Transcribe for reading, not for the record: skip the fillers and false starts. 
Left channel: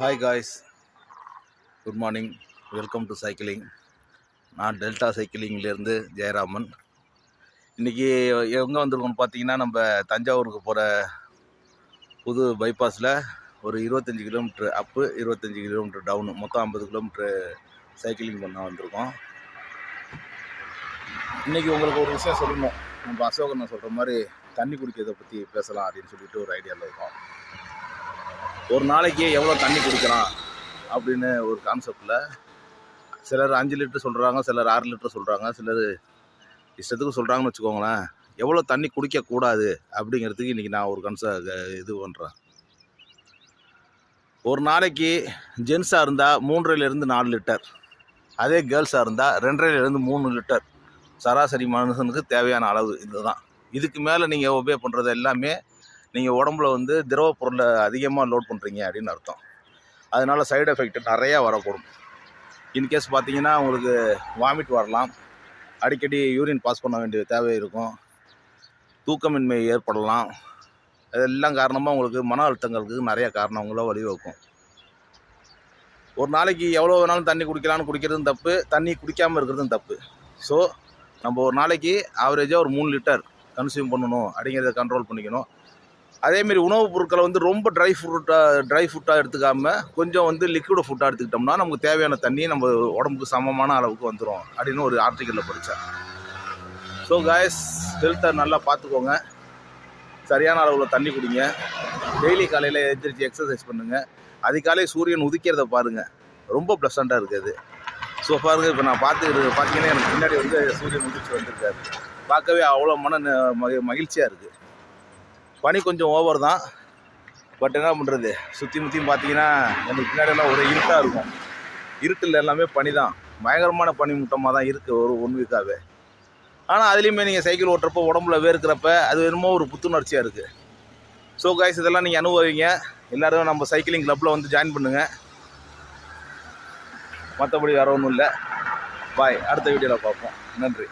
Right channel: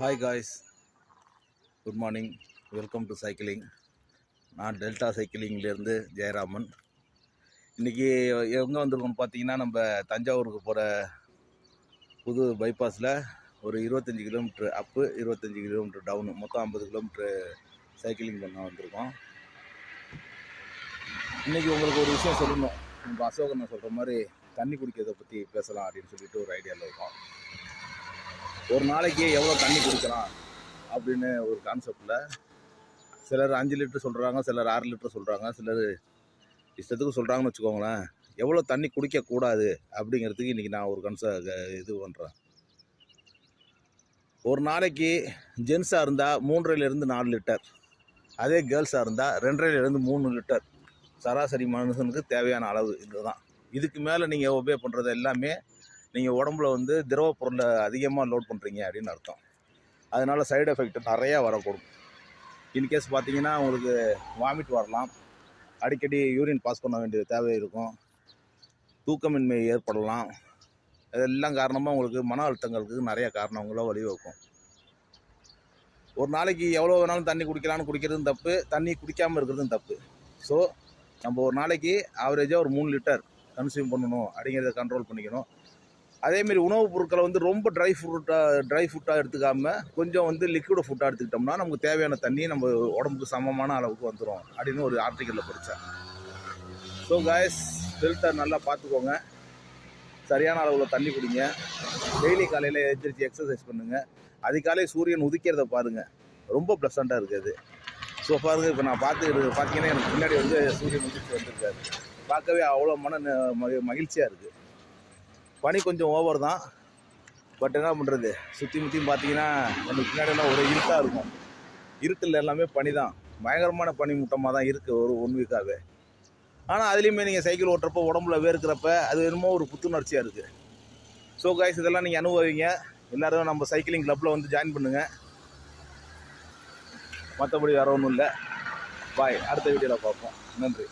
Hi guys, good morning. Welcome to cycling. நான் delta சைக்கிளிங்லேருந்து Jayaraman. இன்றைக்கி எங்கே வந்திருக்கோம்னு பார்த்தீங்கன்னா, நம்ம தஞ்சாவூருக்கு போகிற புது பைபாஸில் ஒரு 25 கிலோமீட்ரு அப்பு, 25 கிலோமீட்ரு டவுனு, மொத்தம் 50 கிலோமீட்ரு சைக்கிளிங் பண்ண வந்திருக்கோம். இன்றைக்கி உங்களுக்கு ஒரு விஷயம் சொல்லணும். நம்ம அசோகன் சொல்கிற மாதிரி தண்ணி குடிக்கிறதை பற்றி பேசலாம் அப்படின்னு சொல்லிட்டு ஒரு ஐடியாவில் இருக்கோம். ஒரு நாளைக்கு எவ்வளோ தண்ணி குடிக்கலாம் அப்படின்னு ஒரு கான்செப்டில் சிலர் 5 லிட்டர் சொல்கிறாங்க, சிலர் 6 லிட்டர் சொல்கிறாங்க, சிலர் இஷ்டத்துக்கு சொல்கிறாங்கன்னு வச்சுக்கோங்களேன். எவ்வளோ தண்ணி குடிக்கக்கூடாது அப்படிங்கிறதுக்கு இன்றைக்கி நான் ஒரு இது பண்ணுறேன். ஒரு நாளைக்கு ஜென்ஸாக இருந்தால் 3லேருந்து 4 லிட்டர், அதே கேர்ள்ஸாக இருந்தால் 2.5லேருந்து 3 லிட்டர் சராசரி மனுஷனுக்கு தேவையான அளவு இதுதான். இதுக்கு மேலே நீங்கள் ஒபே பண்ணுறது எல்லாமே நீங்கள் உடம்புல திரவ பொருளை அதிகமாக லோட் பண்ணுறீங்க அப்படின்னு அர்த்தம். அதனால் சைடு எஃபெக்ட் நிறையா வரக்கூடும். இன்கேஸ் பார்த்தீங்கன்னா உங்களுக்கு வாமிட் வரலாம், அடிக்கடி யூரின் பாஸ் பண்ண வேண்டிய தேவை இருக்கும், தூக்கமின்மை ஏற்படலாம். இதெல்லாம் காரணமாக உங்களுக்கு மன அழுத்தங்களுக்கு நிறைய காரணங்களோ வழிவகுக்கும். ஒரு நாளைக்கு எவ்வளோ வேணாலும் தண்ணி குடிக்கலான்னு குடிக்கிறதும் தப்பு, தண்ணி குடிக்காமல் இருக்கிறதும் தப்பு. ஸோ நம்ம ஒரு நாளைக்கு ஆவரேஜாக ஒரு 3 லிட்டர் கன்சியூம் பண்ணணும் அப்படிங்கிறத கண்ட்ரோல் பண்ணிக்கணும். அதேமாரி உணவுப் பொருட்களை ரொம்ப ட்ரை ஃபுட்டாக எடுத்துக்காமல் கொஞ்சம் லிக்விட் ஃபுட்டாக எடுத்துக்கிட்டோம்னா நமக்கு தேவையான தண்ணி நம்ம உடம்புக்கு சமமான அளவுக்கு வந்துடும் அப்படின்னு ஒரு ஆர்டிக்கலில் படித்தேன். ஸோ காய்ஸ், ஹெல்த்தை நல்லா பார்த்துக்கோங்க, சரியான அளவில் தண்ணி குடிங்க, டெய்லி காலையில் எந்திரிச்சு எக்ஸசைஸ் பண்ணுங்கள், அதிகாலை சூரியன் உதிக்கிறத பாருங்கள், ரொம்ப ப்ளசண்ட்டாக இருக்குது. ஸோ பாருங்கள், இப்போ நான் பார்த்தீங்கன்னா எனக்கு முன்னாடி சூரியன் உதிச்சு வந்திருக்காரு. பார்க்கவே அவ்வளோ மகிழ்ச்சியாக இருக்குது. பனி கொஞ்சம் ஓவர் தான், பட் என்ன பண்ணுறது, சுற்றி முற்றியும் பார்த்தீங்கன்னா எனக்கு பின்னாடியெல்லாம் ஒரு இருட்டாக இருக்கும். இருட்டில் எல்லாமே பனி தான், பயங்கரமான பனி மூட்டமாக தான் இருக்குது ஒரு 1 வீக்காகவே. ஆனால் அதுலேயுமே நீங்கள் சைக்கிள் ஓட்டுறப்போ உடம்புல வேர்க்கிறப்ப அது என்னமோ ஒரு புத்துணர்ச்சியாக இருக்குது. ஸோ காய்ஸ், இதெல்லாம் நீங்கள் அனுபவிங்க. எல்லோரும் நம்ம சைக்கிளிங் கிளப்பில் ஜாயின் பண்ணுங்கள். மற்றபடி வேறு ஒன்றும் இல்லை. பாய், அடுத்த வீடியோவில் பார்ப்போம். நன்றி.